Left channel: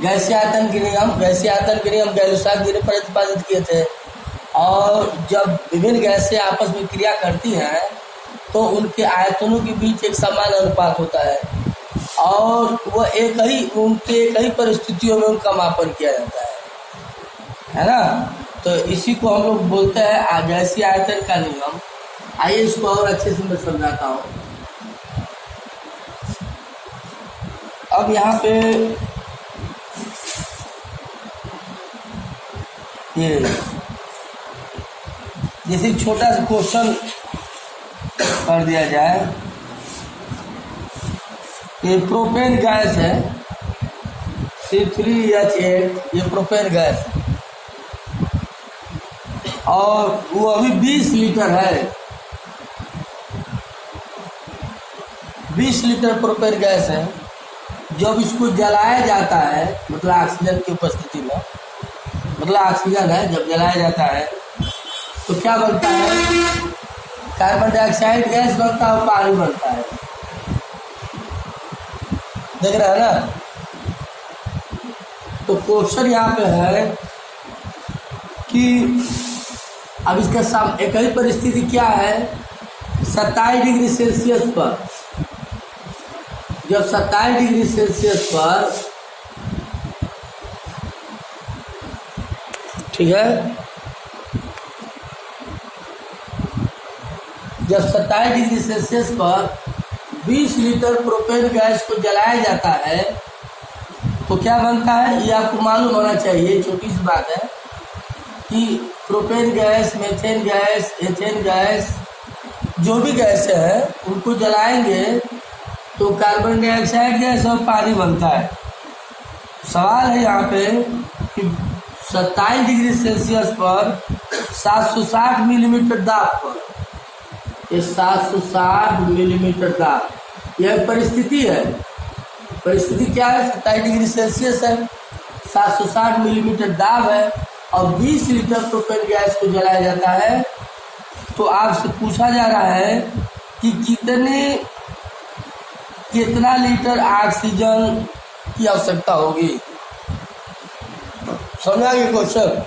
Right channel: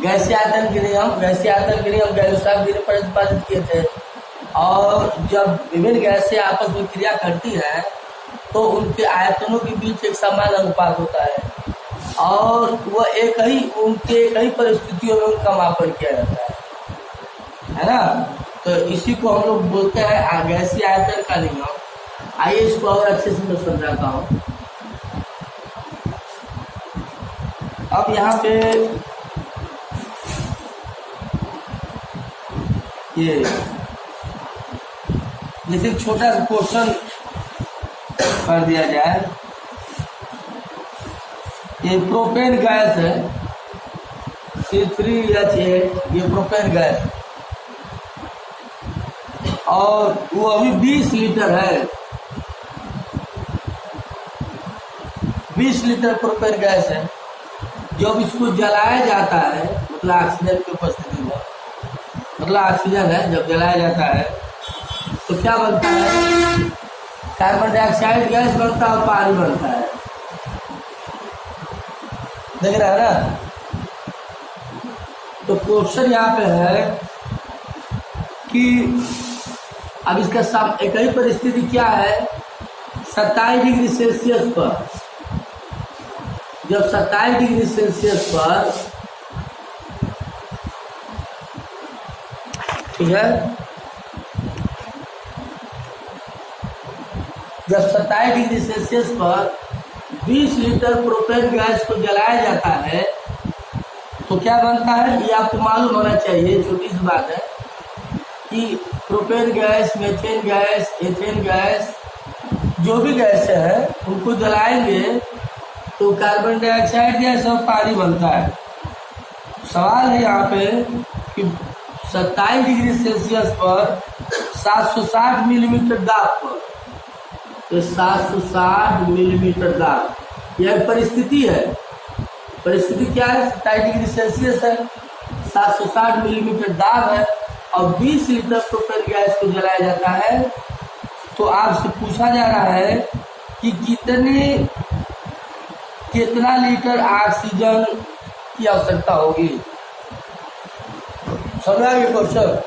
गैसीय आयतन के नियम गैलुसाक ने प्रतिपादित किए थे। और जब विभिन्न गैसें आपस में क्रिया करती हैं तो उनके आयतनों के बीच एक समान अनुपात होता है और वह एक ही परिस्थितियों में उनका मापन किया जाता है ना। तो इसी को हम लोग बोलते हैं गैसीय आयतन का नियम। आइए इसको और अच्छे से मैं समझाता हूँ। अब यहाँ पे ये जैसे छोटा सा क्वेश्चन कर दिया जाए, ये प्रोपेन गैस है C3H8, ये प्रोपेन गैस है और वो अभी 20 लीटर है। 20 लीटर प्रोपेन गैस है। जब इसको जलाया जाता है, मतलब ऑक्सीजन की उपस्थिति में, मतलब ऑक्सीजन है, जब जलाया जाता है तो क्या बनता है? कार्बन डाइऑक्साइड गैस बनता है और पानी बनता है। देख रहे हैं ना। तो क्वेश्चन यहाँ पे है कि अब इसका एक ही परिस्थिति क्या है? 27 डिग्री सेल्सियस पर, जब 27 डिग्री सेल्सियस पर, ठीक है, जब 27 डिग्री सेल्सियस पर 20 लीटर प्रोपेन गैस को जलाया जाता है तो क्या बनता है? ये आपको मालूम होना चाहिए, छोटी सी बात है कि propane gas, methane gas, ethane gas, जो भी गैसें हैं उनको जलाएंगे तो कार्बन डाइऑक्साइड गैस और पानी बनता है। सवाल है यहाँ पे कि 27 डिग्री सेल्सियस पर 760 मिलीमीटर दाब पर, ये 760 मिलीमीटर दाब, यह परिस्थिति है। परिस्थिति क्या है? 27 डिग्री सेल्सियस है, 760 मिलीमीटर दाब है और 20 लीटर प्रोपेन गैस को जलाया जाता है। तो आपसे पूछा जा रहा है कि कितना लीटर ऑक्सीजन की आवश्यकता होगी। समझा ये क्वेश्चन?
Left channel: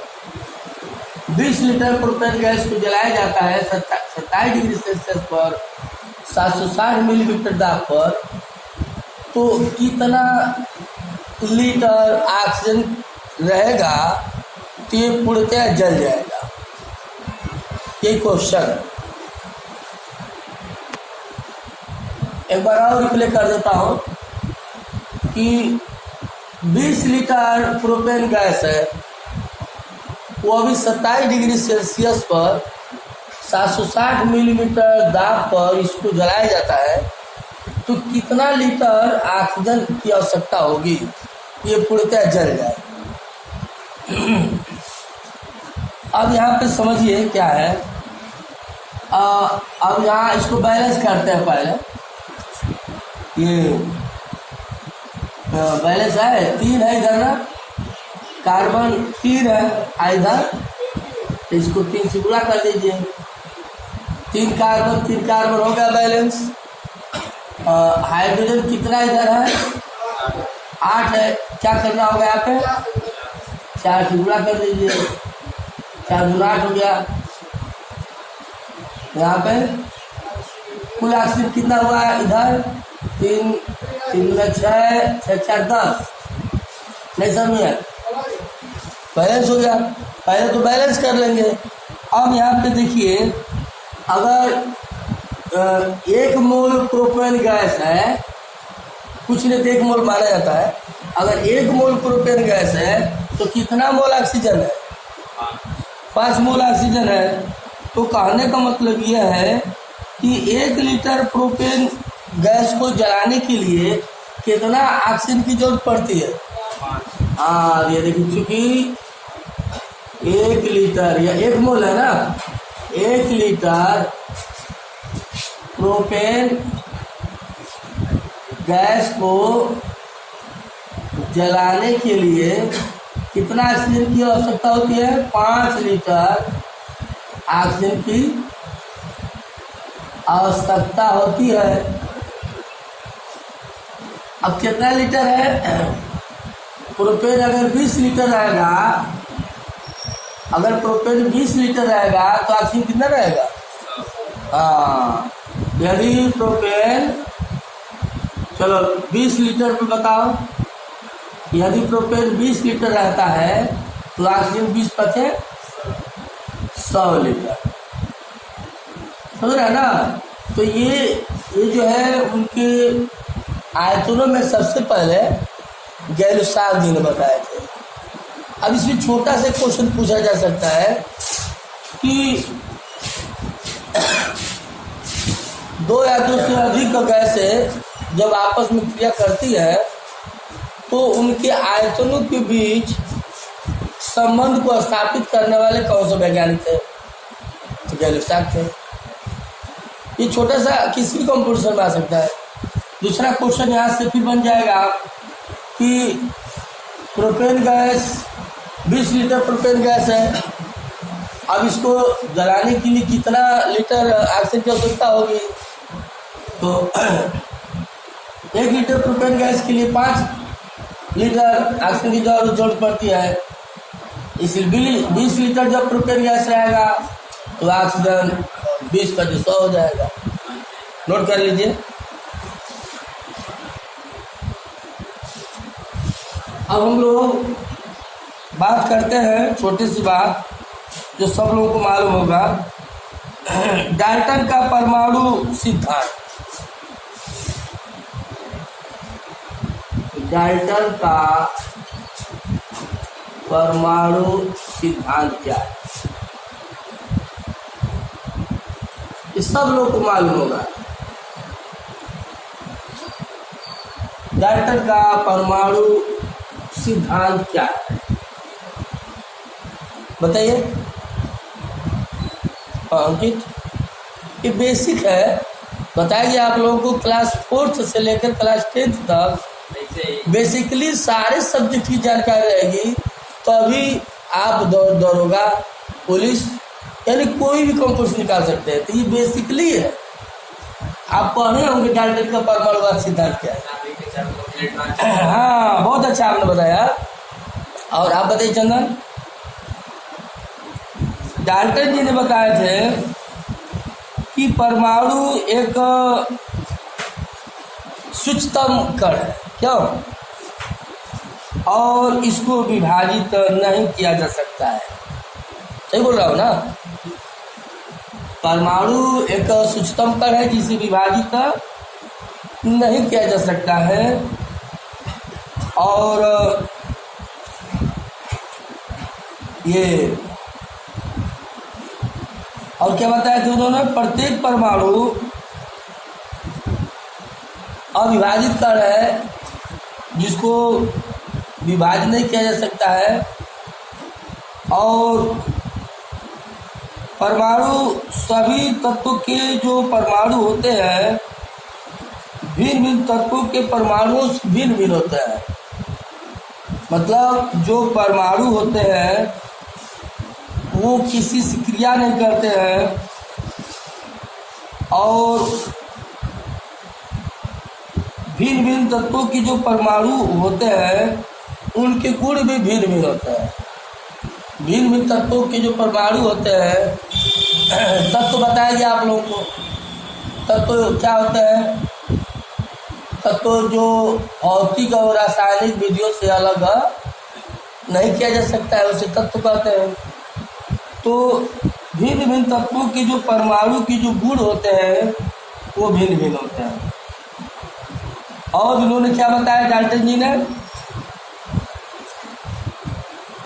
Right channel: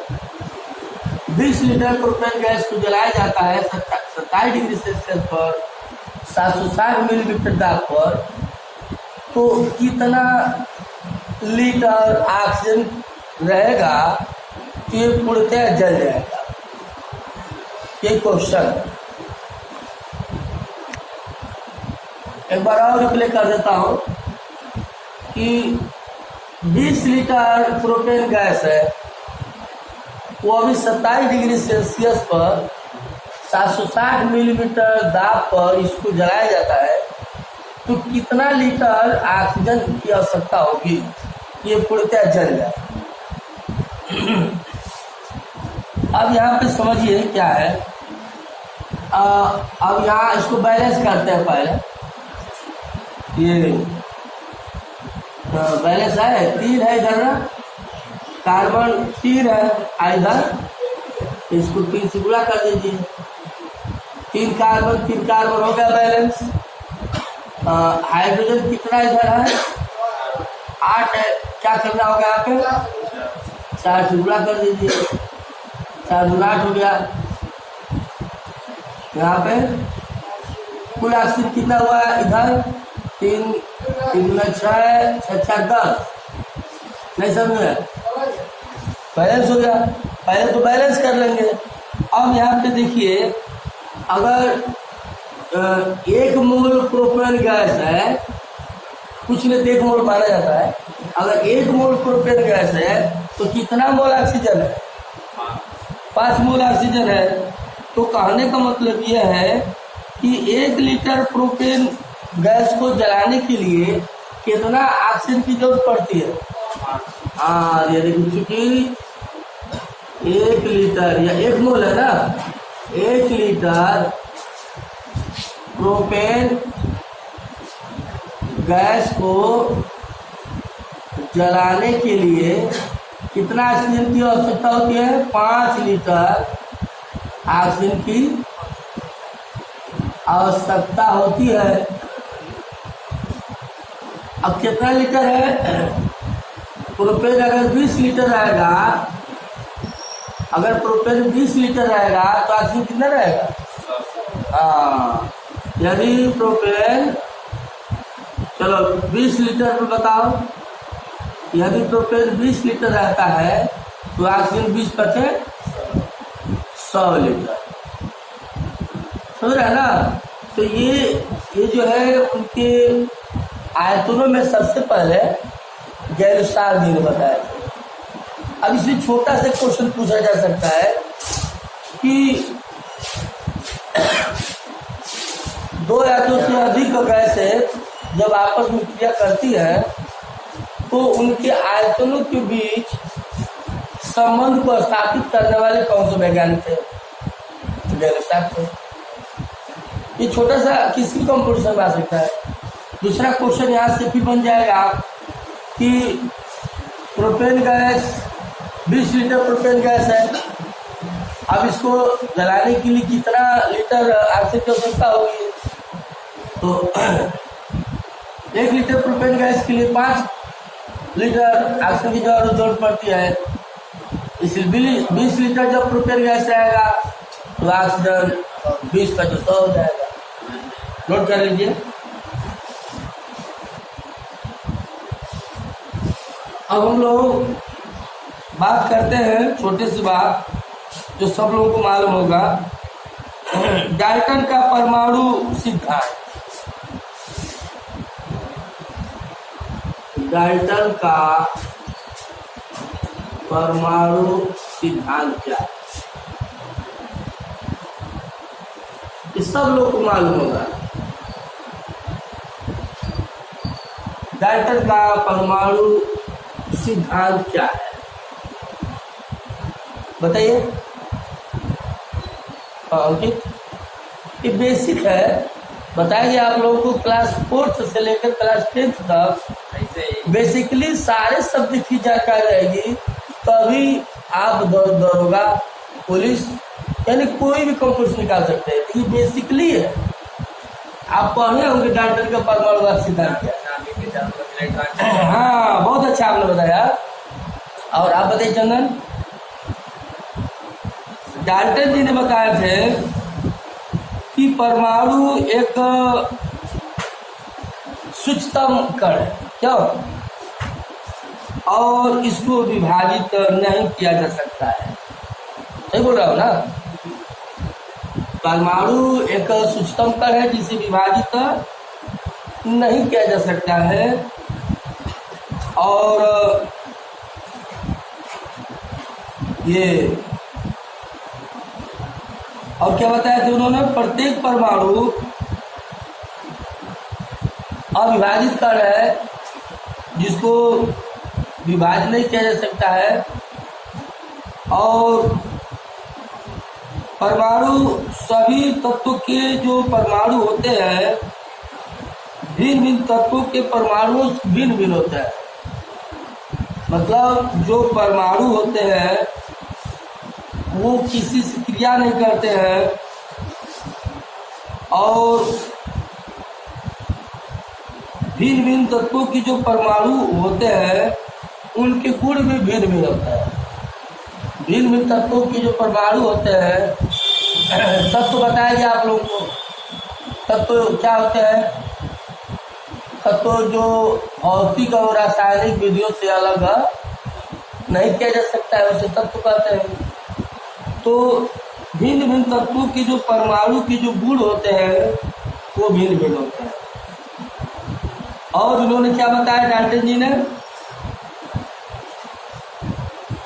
20 लीटर प्रोपेन गैस को जलाया जाता है 27 डिग्री सेल्सियस पर 760 मिलीमीटर दाब पर, तो कितना लीटर ऑक्सीजन रहेगा तो ये पूर्णतः जल जाएगा। ये क्वेश्चन एक बार और रिप्ले कर देता हूँ कि 20 लीटर प्रोपेन गैस है, वो अभी 27 डिग्री सेल्सियस पर 760 मिलीमीटर दाब पर इसको जलाया जाता है, तो कितना लीटर ऑक्सीजन की आवश्यकता होगी? ये पूर्णतः जल जाए। अब यहाँ पे समझिए क्या है। अब यहाँ इसको बैलेंस करते हैं। पहले ये बैलेंस है, 3 है इधर ना, कार्बन 3 है इधर, इसको 3 से गुणा कर दीजिए। 3 कार्बन हो गया बैलेंस। हाइड्रोजन कितना इधर है? 8 है। क्या करना होगा यहाँ पे? 4 से गुणा कर दीजिए, 4 गुना 8 हो गया। यहाँ पे कुल ऑक्सीजन कितना हुआ है? इधर 3 में 6, 6 10, नहीं समझे? बैलेंस हो गया। पहले तो बैलेंस कर लेंगे। अब यहाँ पे देखिए, अगर 1 मोल प्रोपेन गैस है, कुछ नहीं तो 1 मोल माना जाता है। अगर 1 मोल प्रोपेन गैस है तो कितना मोल ऑक्सीजन है? 5 मोल ऑक्सीजन है। तो कहने का मतलब यह है कि 1 लीटर प्रोपेन गैस को जलाने के लिए कितना ऑक्सीजन की जरूरत पड़ती है? ये देखिए, चूंकि 1 लीटर या 1 मोल है ना, 1 लीटर प्रोपेन गैस को जलाने के लिए कितना ऑक्सीजन की आवश्यकता होती है? 5 लीटर ऑक्सीजन की आवश्यकता होती है। अब कितना लीटर है? प्रोपेन अगर 20 लीटर रहेगा, अगर प्रोपेन 20 लीटर रहेगा तो ऑक्सीजन कितना रहेगा? हाँ, यदि प्रोपेन, चलो 20 लीटर पे बताओ, यदि प्रोपेन 20 लीटर रहता है तो ऑक्सीजन 20 बचे 100 लीटर, समझ रहे हैं ना? तो ये जो है उनके आयतनों में सबसे पहले गैलुसाग जी ने बताए थे। अब इसमें छोटा सा क्वेश्चन पूछा जा सकता है कि दो या दो से अधिक गैसें जब आपस में क्रिया करती है तो उनके आयतनों के बीच संबंध को स्थापित करने वाले कौन से वैज्ञानिक थे? तो गैलुसाग थे। ये छोटा सा किसी कंप्यूटर में आ सकता है। दूसरा क्वेश्चन यहाँ से फिर बन जाएगा कि propane gas 20 litre propane gas है, अब इसको जलाने के लिए कितना लीटर ऑक्सीजन की आवश्यकता होगी? तो 1 लीटर प्रोपेन गैस के लिए 5 लीटर ऑक्सीजन की जरूरत पड़ती है। इसलिए 20 लीटर जब प्रोपेन गैस रहेगा तो ऑक्सीजन 20 का 100 हो जाएगा। नोट कर लीजिए। अब हम लोग बात करते हैं छोटी सी बात जो सब लोगों को मालूम होगा, डाल्टन का परमाणु सिद्धांत। डाल्टन का परमाणु सिद्धांत क्या है? ये सब लोग को मालूम होगा। डाल्टन का परमाणु सिद्धांत क्या है बताइए अंकित? ये बेसिक है, बताइए आप लोगों को क्लास 4th से लेकर क्लास 10th तक बेसिकली सारे सब्जेक्ट की जानकारी रहेगी, तभी आप दरोगा, पुलिस यानी कोई भी कंकर्स निकाल सकते हैं। तो ये बेसिकली है, आप पढ़े होंगे डाल्टन का परमाणु सिद्धांत क्या है। हाँ, बहुत अच्छा आपने बताया। और आप बताइए चंदन? डाल्टन जी ने बताए थे कि परमाणु एक सूक्ष्मतम कण है, क्यों? और इसको विभाजित नहीं किया जा सकता है। सही बोल रहा हूँ ना? परमाणु एक सूक्ष्मतम कण है जिसे विभाजित नहीं किया जा सकता है। और ये और क्या बताया था उन्होंने? प्रत्येक परमाणु अविभाजित कण है जिसको विभाजित नहीं किया जा सकता है। और परमाणु सभी तत्वों के जो परमाणु होते हैं भिन्न भिन्न तत्वों के परमाणु भिन्न भिन्न होते हैं। मतलब जो परमाणु होते हैं वो किसी से क्रिया नहीं करते हैं और भिन्न भिन्न तत्वों की जो परमाणु होते हैं उनके गुण भी भिन्न भिन्न होते हैं। भिन्न भिन्न तत्वों के जो परमाणु होते हैं, तत्व बताया गया आप लोगों को। तत्व क्या होते हैं? तत्व जो भौतिक और रासायनिक विधियों से अलग नहीं किया जा सकता है उसे तत्व कहते हैं। तो भिन्न भिन्न तत्वों के जो परमाणु के जो गुण होते हैं वो भिन्न भिन्न होते हैं। और उन्होंने क्या बताया डाल्टन जी ने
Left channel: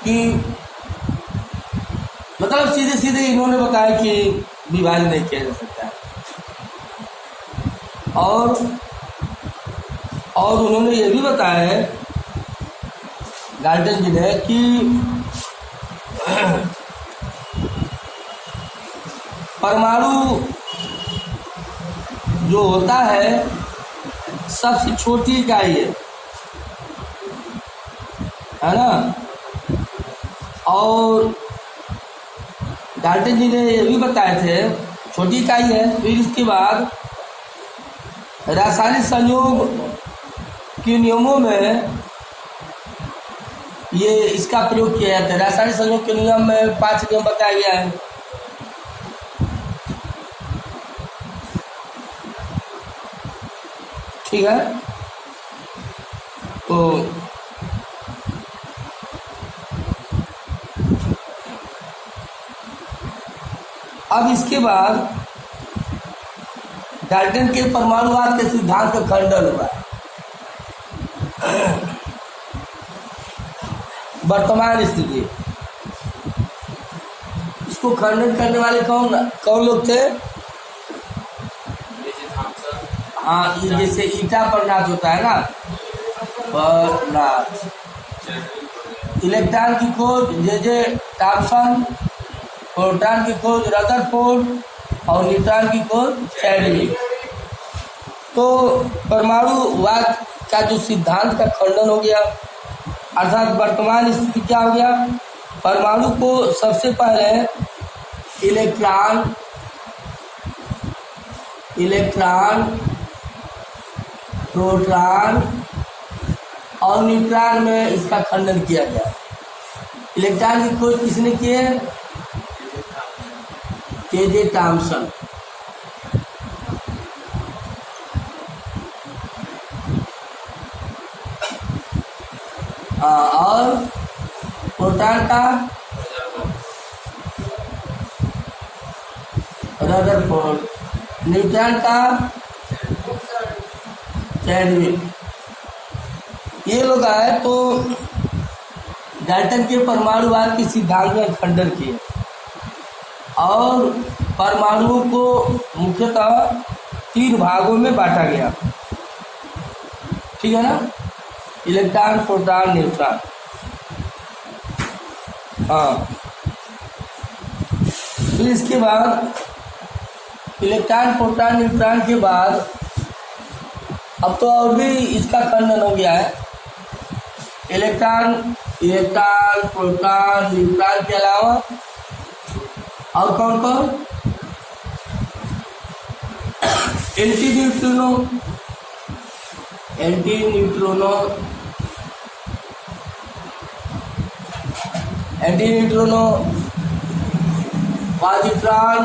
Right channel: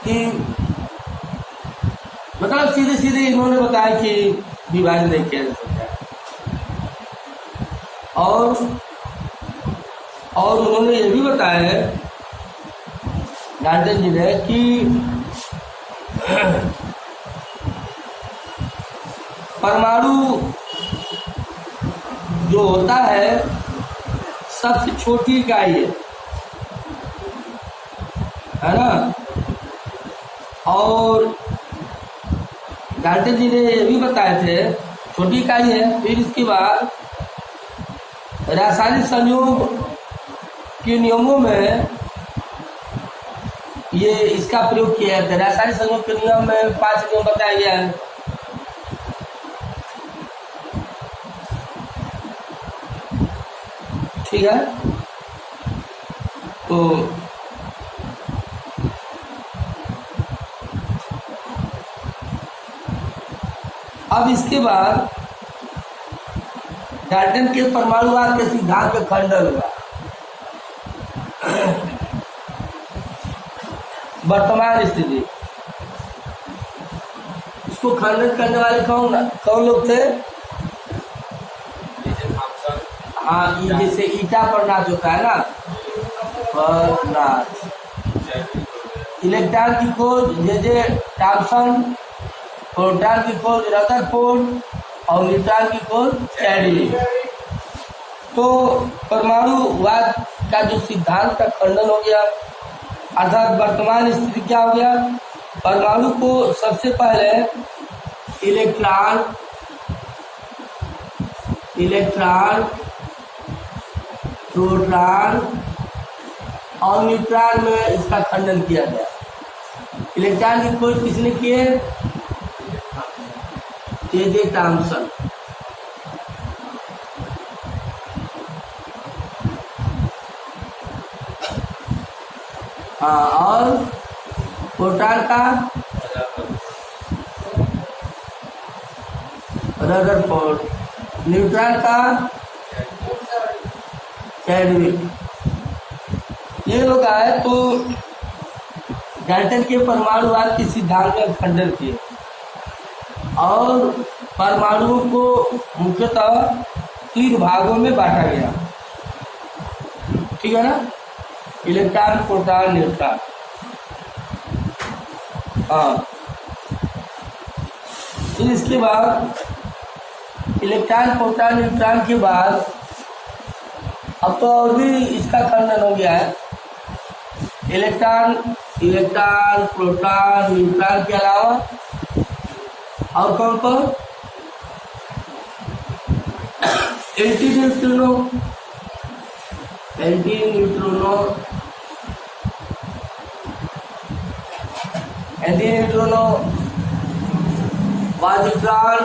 कि मतलब सीधे सीधे इन्होंने बताया कि विभाजन नहीं किया जा सकता है। और उन्होंने ये भी बताया है डाल्टन जी ने कि परमाणु जो होता है सबसे छोटी इकाई है ना। और डाल्टन जी ने ये भी बताए थे छोटी इकाई है। फिर इसके बाद रासायनिक संयोग के नियमों में ये इसका प्रयोग किया जाता है। रासायनिक संयोग के नियम में 5 नियम बताया गया है। ठीक है, तो अब इसके बाद डाल्टन के परमाणुवाद के सिद्धांत का खंडन हुआ। वर्तमान स्थिति, इसको खंडन करने वाले कौन कौन लोग थे? हाँ, ये जैसे ईटा पर नाच होता है ना, पर नाच। इलेक्ट्रॉन की खोज जे थॉमसन, प्रोटॉन की खोज रदरफोर्ड और न्यूट्रॉन की खोज चैडविक। तो परमाणुवाद का जो सिद्धांत का खंडन हो गया, अर्थात वर्तमान स्थिति क्या हो गया? परमाणु को सबसे पहले इलेक्ट्रॉन प्रोटॉन और न्यूट्रॉन में इसका खंडन किया गया। इलेक्ट्रॉन की खोज किसने की है? J Thomson. और प्रोटॉन का रदरफोर्ड, न्यूट्रॉन का चैडविक। ये लोग आए तो डाल्टन के परमाणुवाद के सिद्धांत का खंडन किए और परमाणुओं को मुख्यतः 3 भागों में बांटा गया। ठीक है ना? Electron, proton, neutron. हाँ, फिर इसके बाद इलेक्ट्रॉन, प्रोटॉन, न्यूट्रॉन के बाद अब तो और भी इसका खंडन हो गया है। इलेक्ट्रॉन, प्रोटॉन, न्यूट्रॉन के अलावा और कौन कौन? Anti neutrino, positron,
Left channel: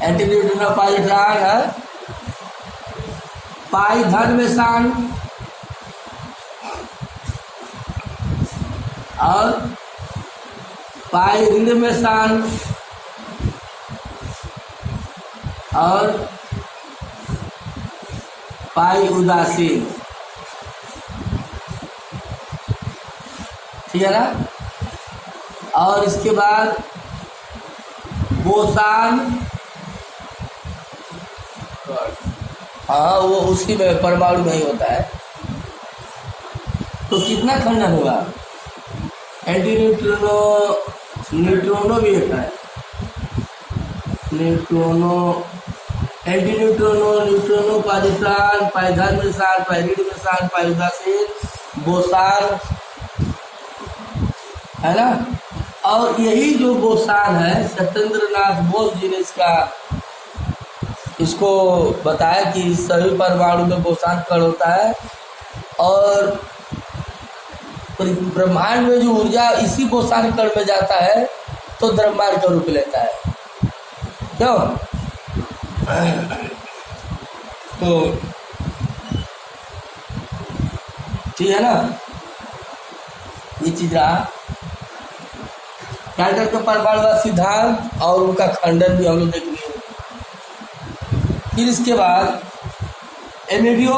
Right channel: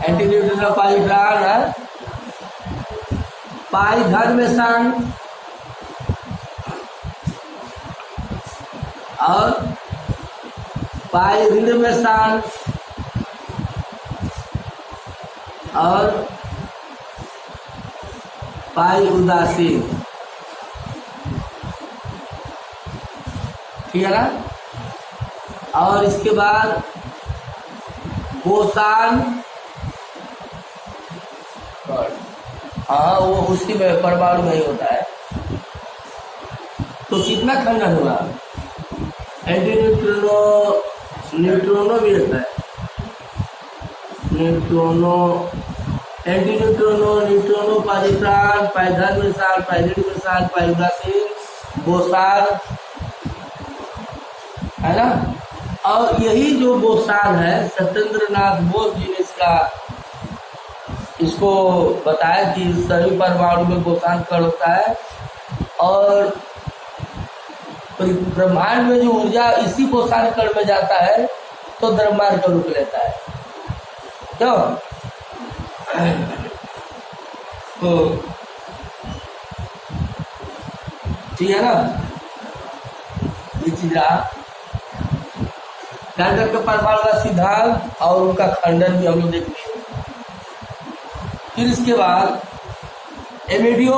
anti neutrino positron है। पाई धन में शान और पाई ऋण में शान और पाई उदासीन। ठीक है ना? और इसके बाद बोसान, हाँ वो उसी में परमाणु में ही होता है। तो कितना खंडन हुआ? एंटी न्यूट्रिनो भी होता है। एंटी न्यूट्रिनो, पॉजिट्रॉन, पाई धन में शान, पाई ऋण में शान, पाई उदासीन, बोसान, है ना? और यही जो बोसान है, सत्येंद्रनाथ बोस जी ने इसको बताया कि सभी परमाणु में बोसान कण होता है और ब्रह्मांड में जो ऊर्जा इसी बोसान कण में जाता है तो द्रव्यमान का रूप लेता है। क्यों? तो ठीक है ना? ये चीज रहा डाल्टन के परमाणुवाद सिद्धांत और उनका खंडन भी हम लोग देखेंगे। फिर इसके बाद एमिडियो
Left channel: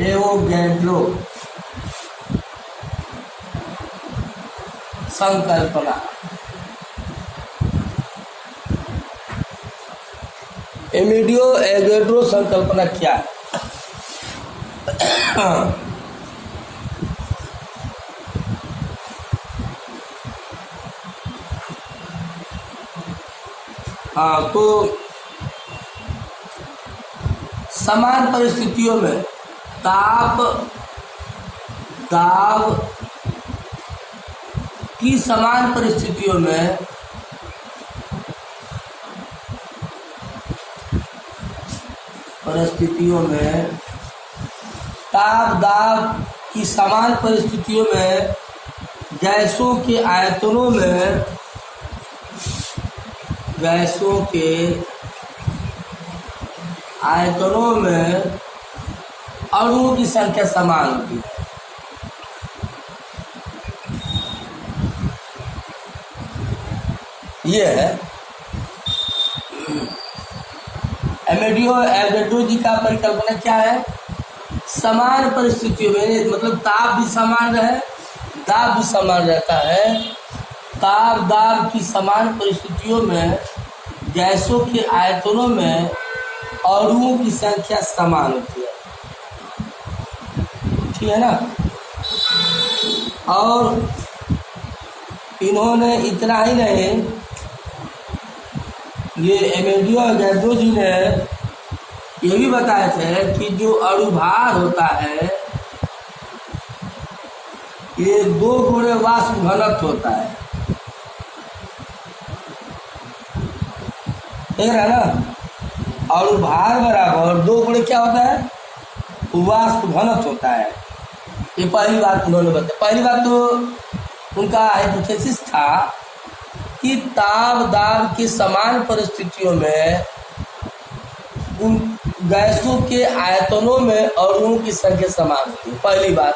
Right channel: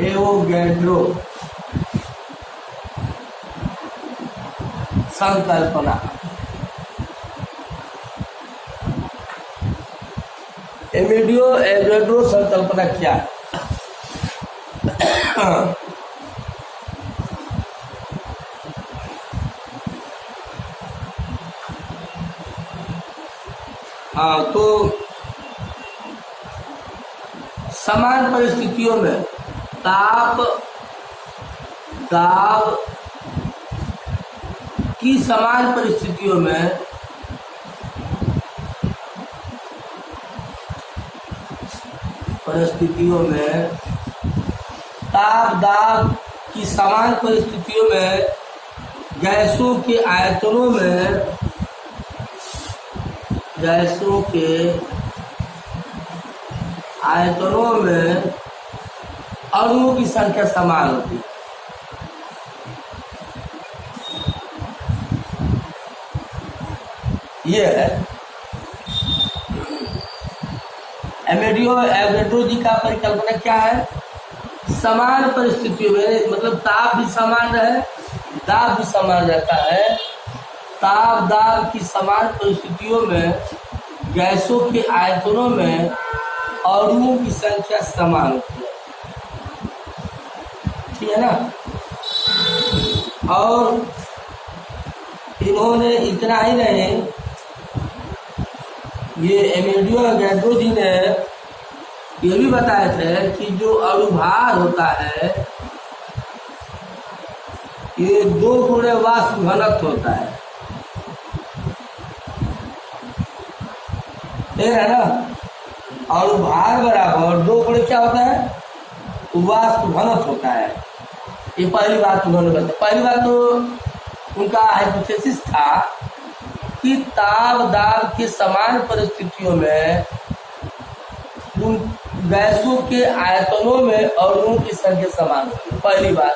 एवोगैड्रो, संकल्पना। एमिडियो एवोगैड्रो संकल्पना क्या है? हाँ, तो समान परिस्थितियों में ताप दाब की समान परिस्थितियों में ताप दाब की समान परिस्थितियों में गैसों के आयतनों में अणुओं की संख्या समान होती है। ये है एवोगाड्रो जी का परिकल्पना क्या है? समान परिस्थितियों में, मतलब ताप भी समान रहे, दाब भी समान रहता है। ताप दाब की समान परिस्थितियों में गैसों के आयतनों में अणुओं की संख्या समान होती है, ठीक है ना। और इन्होंने इतना ही नहीं, ये एवोगाड्रो जी ने ये भी बताए थे कि जो अणुभार होता है ये 2 गुणे वाष्प घनत्व होता है, ठीक है ना। अणुभार बराबर 2 गुणे क्या होता है? वाष्प घनत्व होता है। ये पहली बात उन्होंने बताई। पहली बात तो उनका हाइपोथेसिस था कि ताप दाब की समान परिस्थितियों में उन गैसों के आयतनों में अणुओं की संख्या समान होती है। पहली बात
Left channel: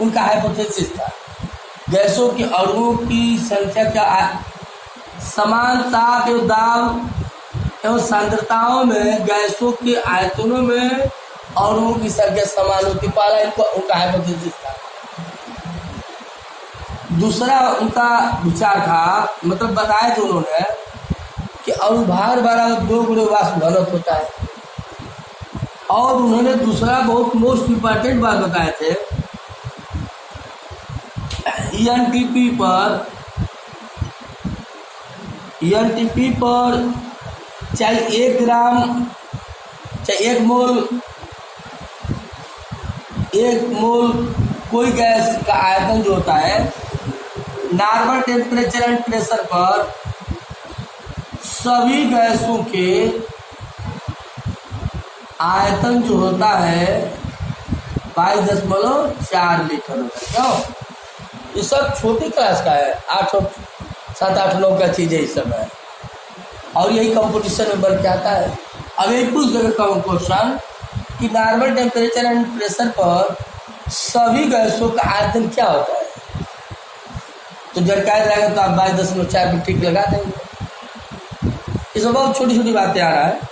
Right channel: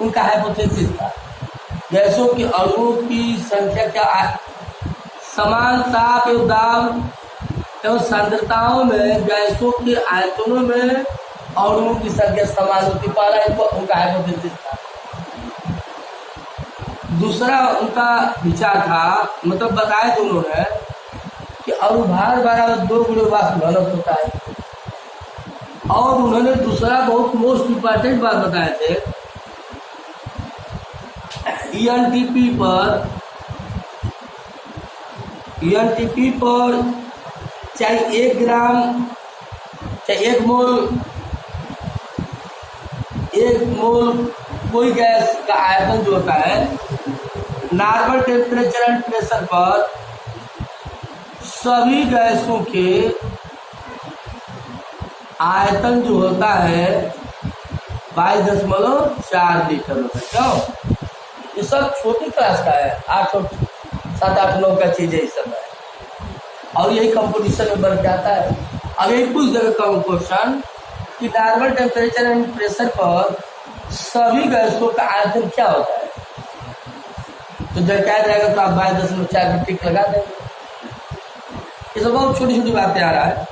उनका हाइपोथेसिस था, गैसों के अणुओं की संख्या क्या समान ताप एवं दाब एवं सांद्रताओं में गैसों के आयतनों में अणुओं की संख्या समान होती। पहला इनको उनका हाइपोथेसिस था। दूसरा उनका विचार था, मतलब बताया जो उन्होंने कि अणुभार बराबर 2 गुणे वाष्प घनत्व होता है। और उन्होंने दूसरा बहुत मोस्ट इम्पॉर्टेंट बात बताए थे, ईएनटीपी पर चाहे 1 ग्राम चाहे 1 मोल कोई गैस का आयतन जो होता है, नॉर्मल टेम्परेचर एंड प्रेशर पर सभी गैसों के आयतन जो होता है 22.4 लीटर होता है। क्यों? ये सब छोटी क्लास का है, 7, 8, 9 का चीज़ है इस समय, और यही कंपटीशन में बढ़ के आता है। अब एक पूछ देगा क्वेश्चन कि नॉर्मल टेम्परेचर एंड प्रेशर पर सभी गैसों का आयतन क्या होता है, तो झटकाया जाएगा तो आप 22.4 भी ठीक लगा देंगे। ये सब बहुत छोटी छोटी बातें आ रहा है।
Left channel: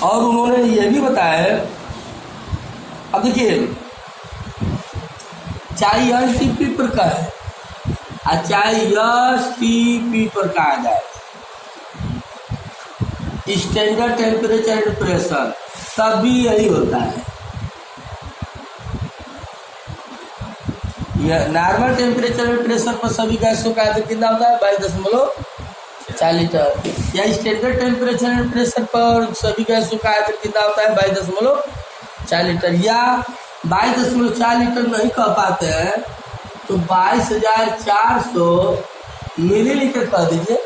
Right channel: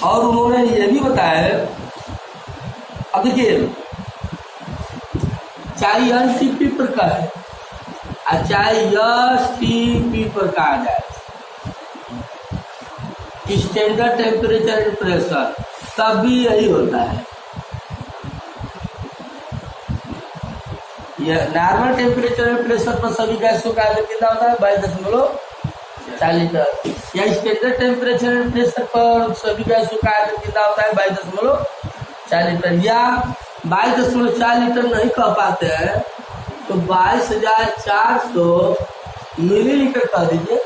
और उन्होंने ये भी बताया, अब देखिए चाहे एसटीपी पर का है चाहे एसटीपी पर कहा जाए, स्टैंडर्ड टेम्परेचर एंड प्रेशर, तब भी यही होता है। यह नॉर्मल टेम्परेचर एंड प्रेशर पर सभी गैसों का आयतन कितना होता है? 22.4 लीटर। या स्टैंडर्ड टेम्परेचर एंड प्रेशर पर सभी गैसों का आयतन कितना होता है? 22.4 लीटर। या 22.4 लीटर नहीं कह पाते हैं तो 22,400 मिलीलीटर कह दीजिए,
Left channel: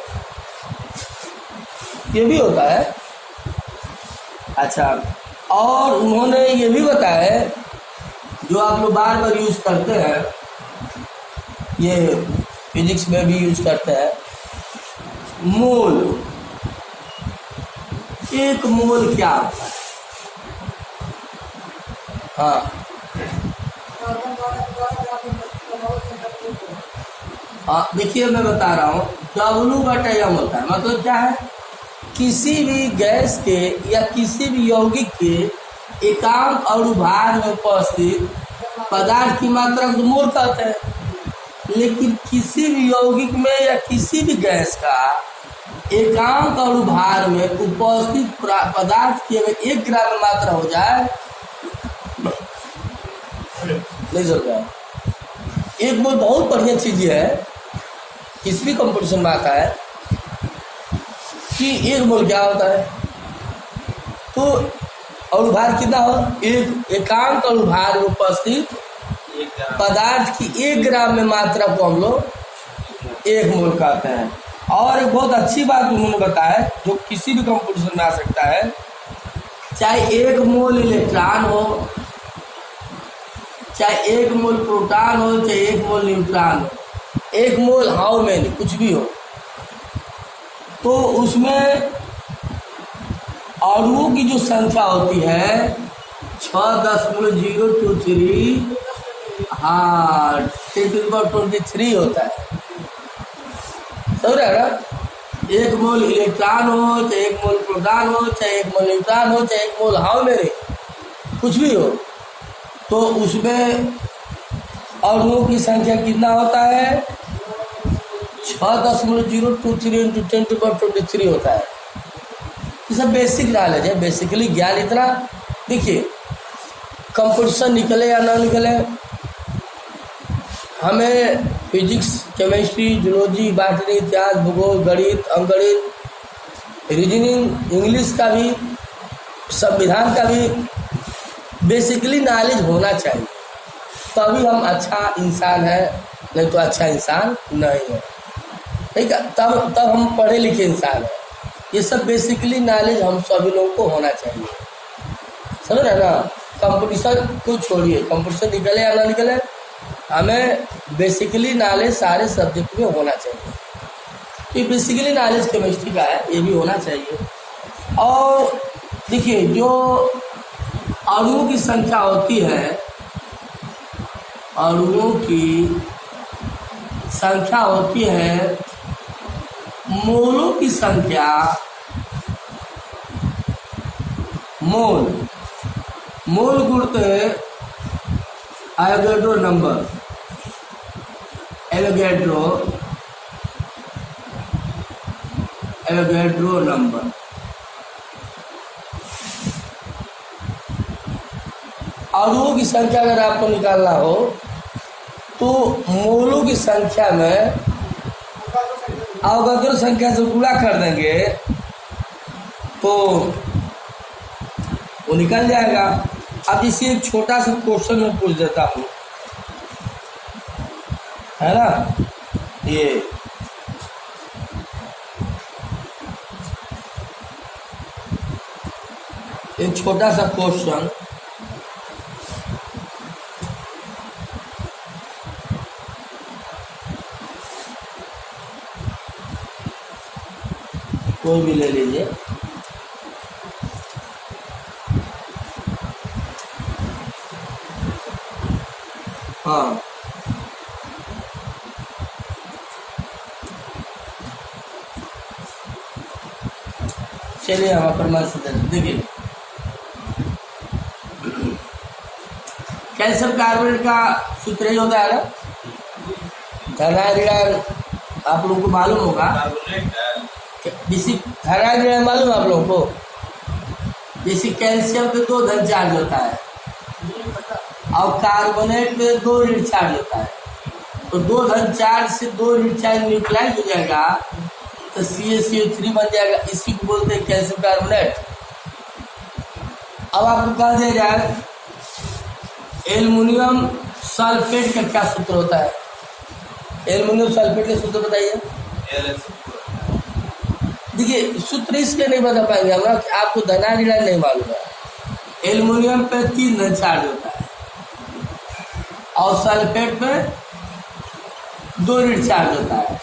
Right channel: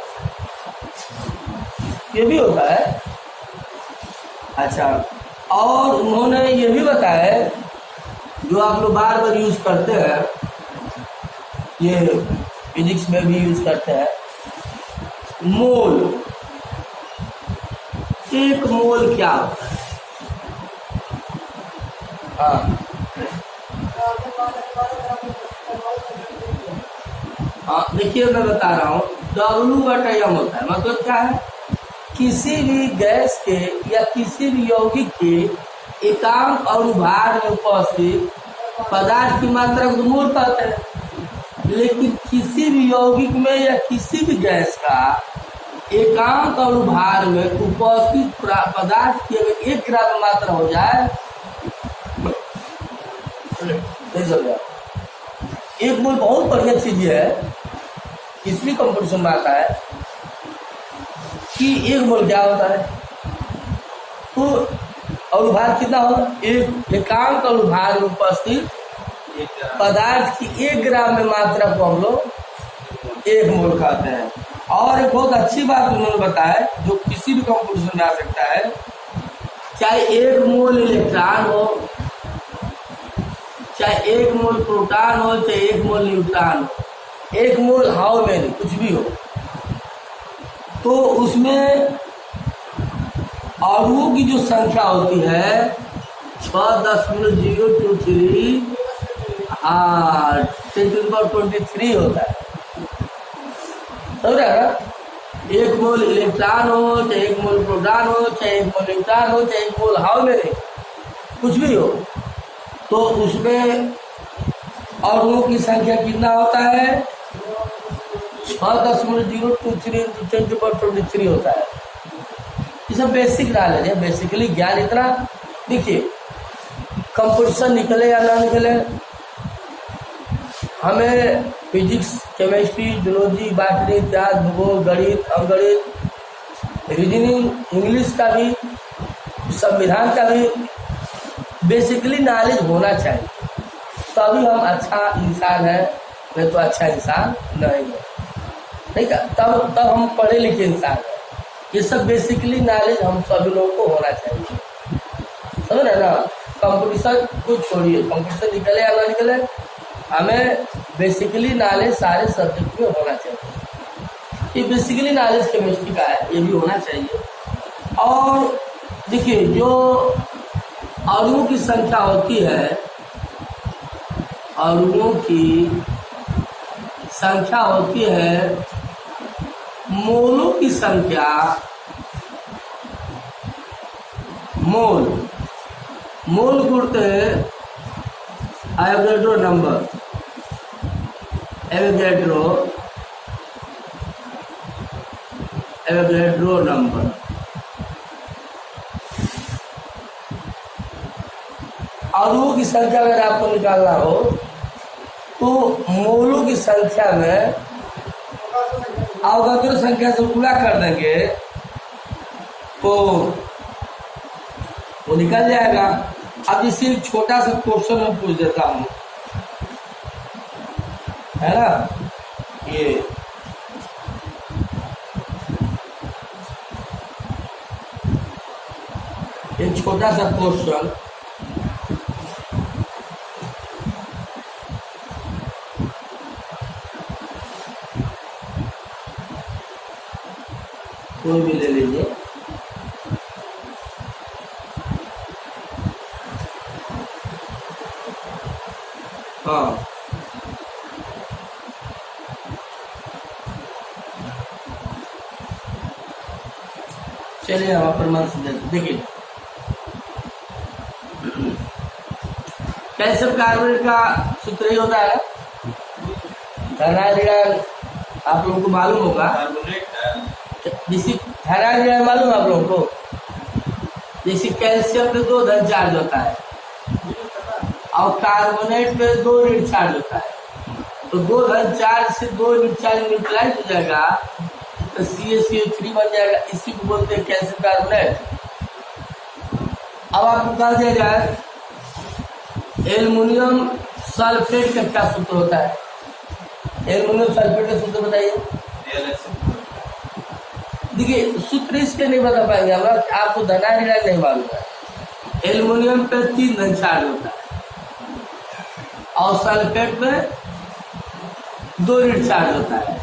ये भी होता है। अच्छा, और उन्होंने ये भी बताया, जो आप लोग बार बार यूज करते हैं, ये फिजिक्स में भी यूज करते हैं, मोल। 1 मोल क्या होता है? हाँ, देखिए मैं बता रहा हूँ, W/m होता है। मतलब क्या है? किसी भी गैस के या किसी भी यौगिक के एकांक अणुभार में उपस्थित पदार्थ की मात्रा को मोल कहते हैं। लेकिन किसी भी यौगिक में या किसी भी गैस का एकांक अणुभार में उपस्थित पदार्थ की अगर 1 ग्राम मात्रा हो जाए, नहीं समझ रहा, 1 मोल बहुत बढ़िया चीज है, किसी भी कंपटीशन में आता है। कि 1 मोल क्या होता है। तो अणुभार कितना हो, एकांक अणुभार में उपस्थित पदार्थ की 1 ग्राम में मात्रा को हम लोग 1 मोल कहते हैं। और एक बहुत अच्छी बात उन्होंने बताया जो किसी भी कंपटीशन में आ सकता है, चाहे 1 मोल इलेक्ट्रॉन हो, चाहे 1 मोल प्रोटॉन हो, चाहे 1 मोल न्यूट्रॉन हो, 1 मोल हाउ मैनी कुछ भी हो, तो उसमें अणुओं की जो संख्या होती है 6.023 हाँ 10⁻23 होता है। समझ रहे हैं ना। 1 मोल इलेक्ट्रॉन हो, चाहे 1 मोल प्रोटॉन हो, चाहे 1 मोल न्यूट्रॉन हो, चाहे 1 मोल हाउ मैनी कुछ भी हो, तो उसमें अणुओं की संख्या कितना होता है 6.023 × 10⁻23 होता है। ये सब बेसिक नॉलेज है, बेसिकली ज्ञान इतना। देखिए कंपटीशन निकले या ना निकले, हमें फिजिक्स, केमिस्ट्री, जूलॉजी, बॉटनी, इतिहास, भूगोल, गणित, अंकगणित, रीजनिंग, इंग्लिश का भी, संविधान का भी बेसिकली नॉलेज होना चाहिए, तभी हम अच्छा इंसान है, नहीं तो अच्छा इंसान नहीं है। ठीक है, तब हम पढ़े लिखे इंसान हैं। ये सब बेसिकली नॉलेज हम सभी लोगों को होना चाहिए। समझ रहे ना। कंपटीशन को छोड़िए, कंपटीशन निकले या ना निकले, हमें बेसिकली नॉलेज सारे सब्जेक्ट में होना चाहिए। ये बेसिकली नॉलेज केमिस्ट्री का है, ये भी होना चाहिए। और देखिए जो अणुओं की संख्या होती है, अणुओं की संख्या होती है, मोलों की संख्या, मोल गुणते एवोगैड्रो नंबर, एवोगैड्रो नंबर। अणुओं की संख्या अगर आपको निकालना हो तो मोलों की संख्या में अवोगैड्रो संख्या से गुणा कर देंगे तो वो निकल जाएगा। अब इसे एक छोटा सा क्वेश्चन में पूछ देता हूँ, है ना। ये एक छोटा सा क्वेश्चन, कोई भी ले लीजिए। हाँ चलिए हम प्रमाण से देखिए, कैल्शियम कार्बोनेट का सूत्र ही होता है ना, धनाइड्राइड, आप लोगों को मालूम होगा। जैसे धनाइड्राइड मालूम है आप लोगों को, जैसे कैल्शियम पे 2 धन चार्ज होता है और कार्बोनेट पे 2 ऋण चार्ज होता है, तो 2 धन चार्ज से 2 ऋण चार्ज न्यूट्रलाइज हो जाएगा तो CaCO3 बन जाएगा। इसी को बोलते हैं कैल्शियम कार्बोनेट। अब आपको कहा जाएगा एल्युमिनियम सल्फेट का क्या सूत्र होता है, एल्युमिनियम सल्फेट का सूत्र बताइए। देखिए सूत्र इसलिए नहीं बता पाएंगे हम, आपको धनाइड्राइड नहीं मालूम है। एल्युमिनियम पे 3 धन चार्ज होता है और सल्फेट पे 2 ऋण चार्ज होता है,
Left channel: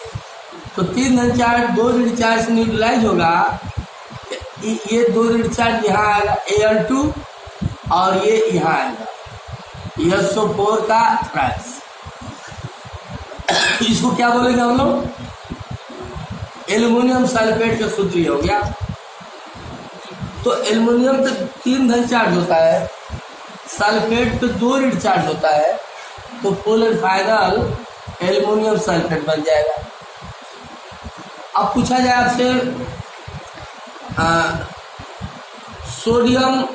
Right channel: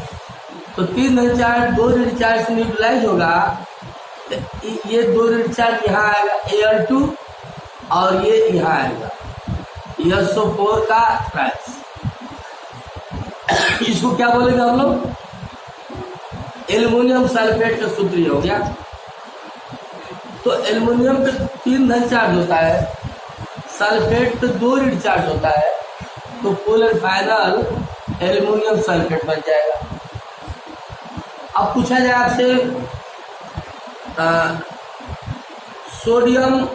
तो 3 धन चार्ज 2 ऋण चार्ज से न्यूट्रलाइज होगा, तो ये 2 ऋण चार्ज यहाँ आएगा Al2 और ये यहाँ आएगा SO4 का ट्रांस। इसको क्या बोलेंगे हम लोग, एल्युमिनियम सल्फेट का सूत्र हो गया। तो एल्युमिनियम पे 3 धन चार्ज होता है, सल्फेट पे 2 ऋण चार्ज होता है, तो full and final aluminium sulphate बन जाएगा। अब पूछा जाए आपसे सोडियम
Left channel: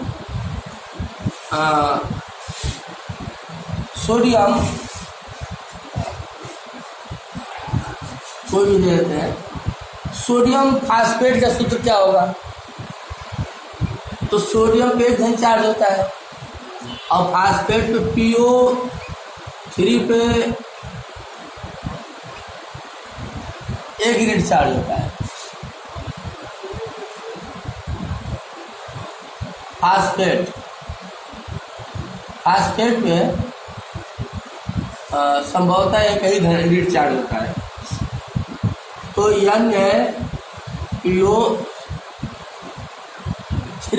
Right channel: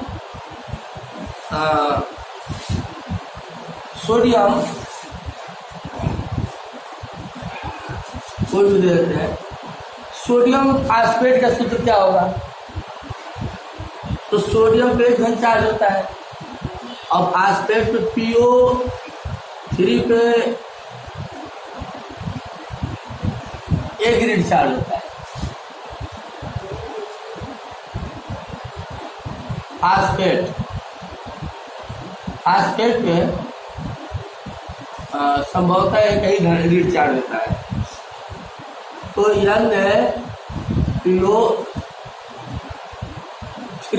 कोई भी दे देते हैं, सोडियम फास्फेट का सूत्र क्या होगा? तो सोडियम पे धन चार्ज होता है और फास्फेट पे PO3 पे एक ग्रेड चार्ज होता है। फास्फेट पे संभवतः एक ही ग्रेड चार्ज होता है। तो NaPO3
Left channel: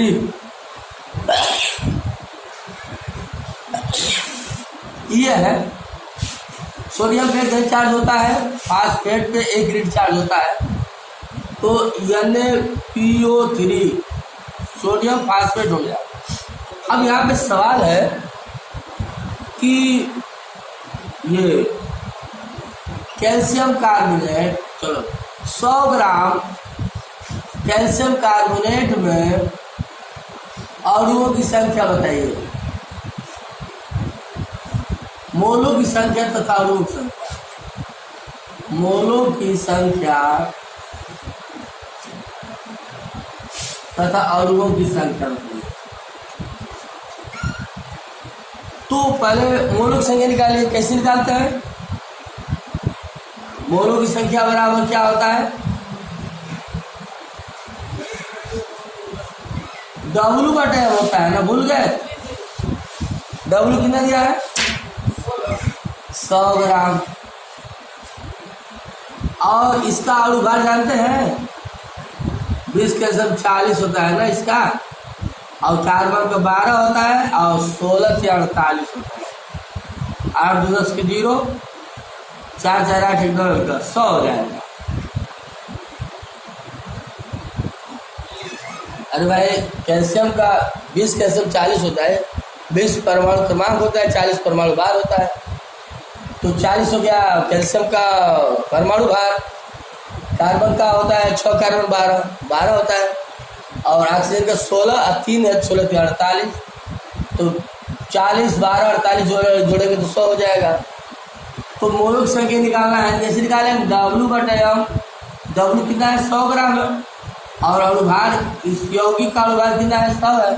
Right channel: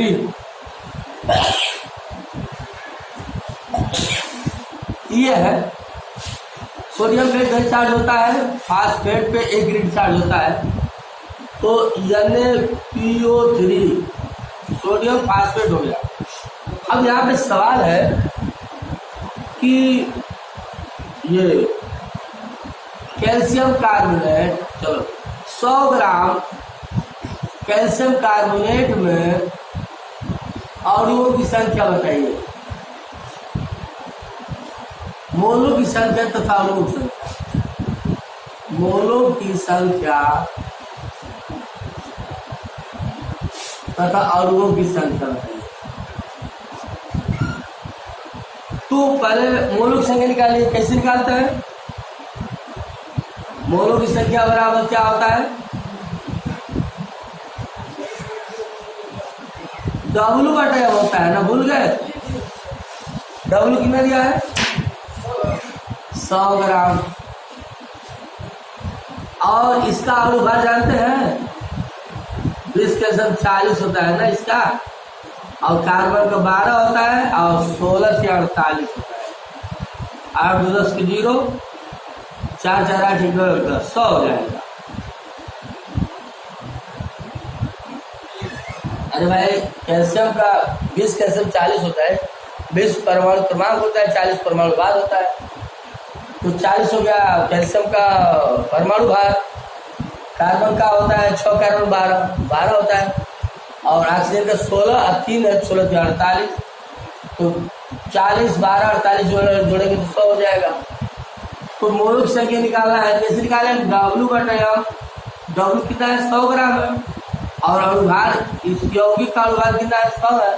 ये है। सोडियम पे एक चार्ज होता है, फास्फेट पे एक ग्रिड चार्ज होता है। तो NaPO3 सोडियम फास्फेट हो गया। अब यहाँ पे सवाल है कि ये कैल्शियम कार्बोनेट, चलो 100 ग्राम कैल्शियम कार्बोनेट में अणुओं की संख्या बताइए, मोलों की संख्या तथा अणुओं की संख्या। मोलों की संख्या तथा अणुओं की संख्या बताइए। तो पहले मोलों की संख्या निकालिए। कैसे निकालते हैं? मोलों की संख्या बराबर क्या होता है? W/M होता है ना, भूल गए? W कितना दिया है? 100 ग्राम। और इसका अणुभार जानते हैं? 20 के सब 40 होता है ना इसका, और कार्बन का 12 होता है और 16 से 48 होता है। 8 2 10 के 0, 4 4 8 1 2 10, 100 हो जाएगा। अरे भाई कैल्शियम का 20 कैल्शियम 40 होता है, 20 परमाणु क्रमांक होता है, 40 परमाणु भार होता है। तो 40 हो गया कैल्शियम का परमाणु भार। कार्बन का होता है 6 कार्बन 12 होता है, और ऑक्सीजन का 16 और 3 है 16 से 48। तो 40 12 48 जोड़ेंगे तो 100 हो जाएगा। तो मोलों की संख्या निकालना है। जैसे निकालें W/M, W कितना है? 100 ग्राम है, और अणुभार इस यौगिक का अणुभार कितना है? 100 है।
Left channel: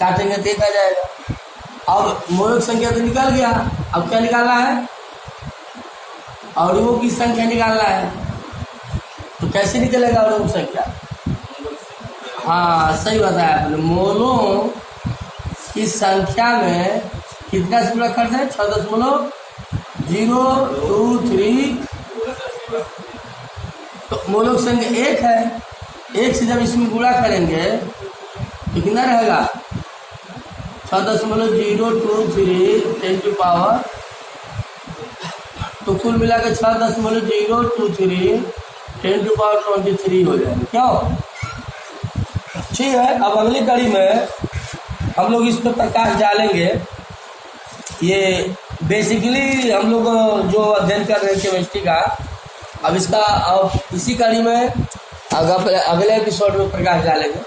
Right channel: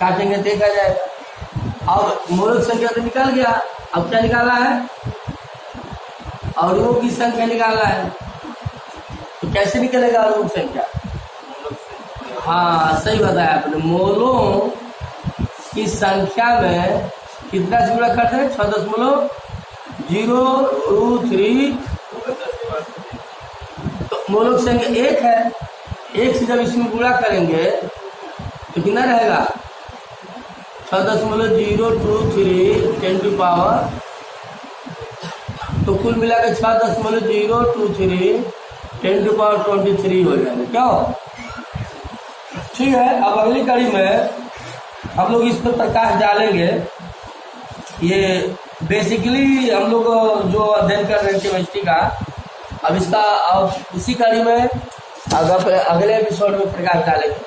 काटेंगे देखा जाएगा। और मोलों की संख्या तो निकल गया। अब क्या निकालना है? अणुओं की संख्या निकालना है। तो कैसे निकलेगा अणुओं की संख्या? हाँ सही बताया आपने। मोलों की संख्या में कितना से गुणा करते हैं? 6.023। तो मोलों की संख्या 1 है। 1 से जब इसमें गुणा करेंगे तो कितना रहेगा? 6.023 10 टू पावर, तो कुल मिलाकर 6.023 10 टू पावर 23 हो जाएगा। क्यों? ठीक है। अब अगली कड़ी में हम लोग इस पर प्रकाश डालेंगे। ये बेसिकली हम लोग जो अध्ययन कर रहे हैं केमिस्ट्री का, अब इसका अब इसी कड़ी में अगले एपिसोड में प्रकाश डालेंगे।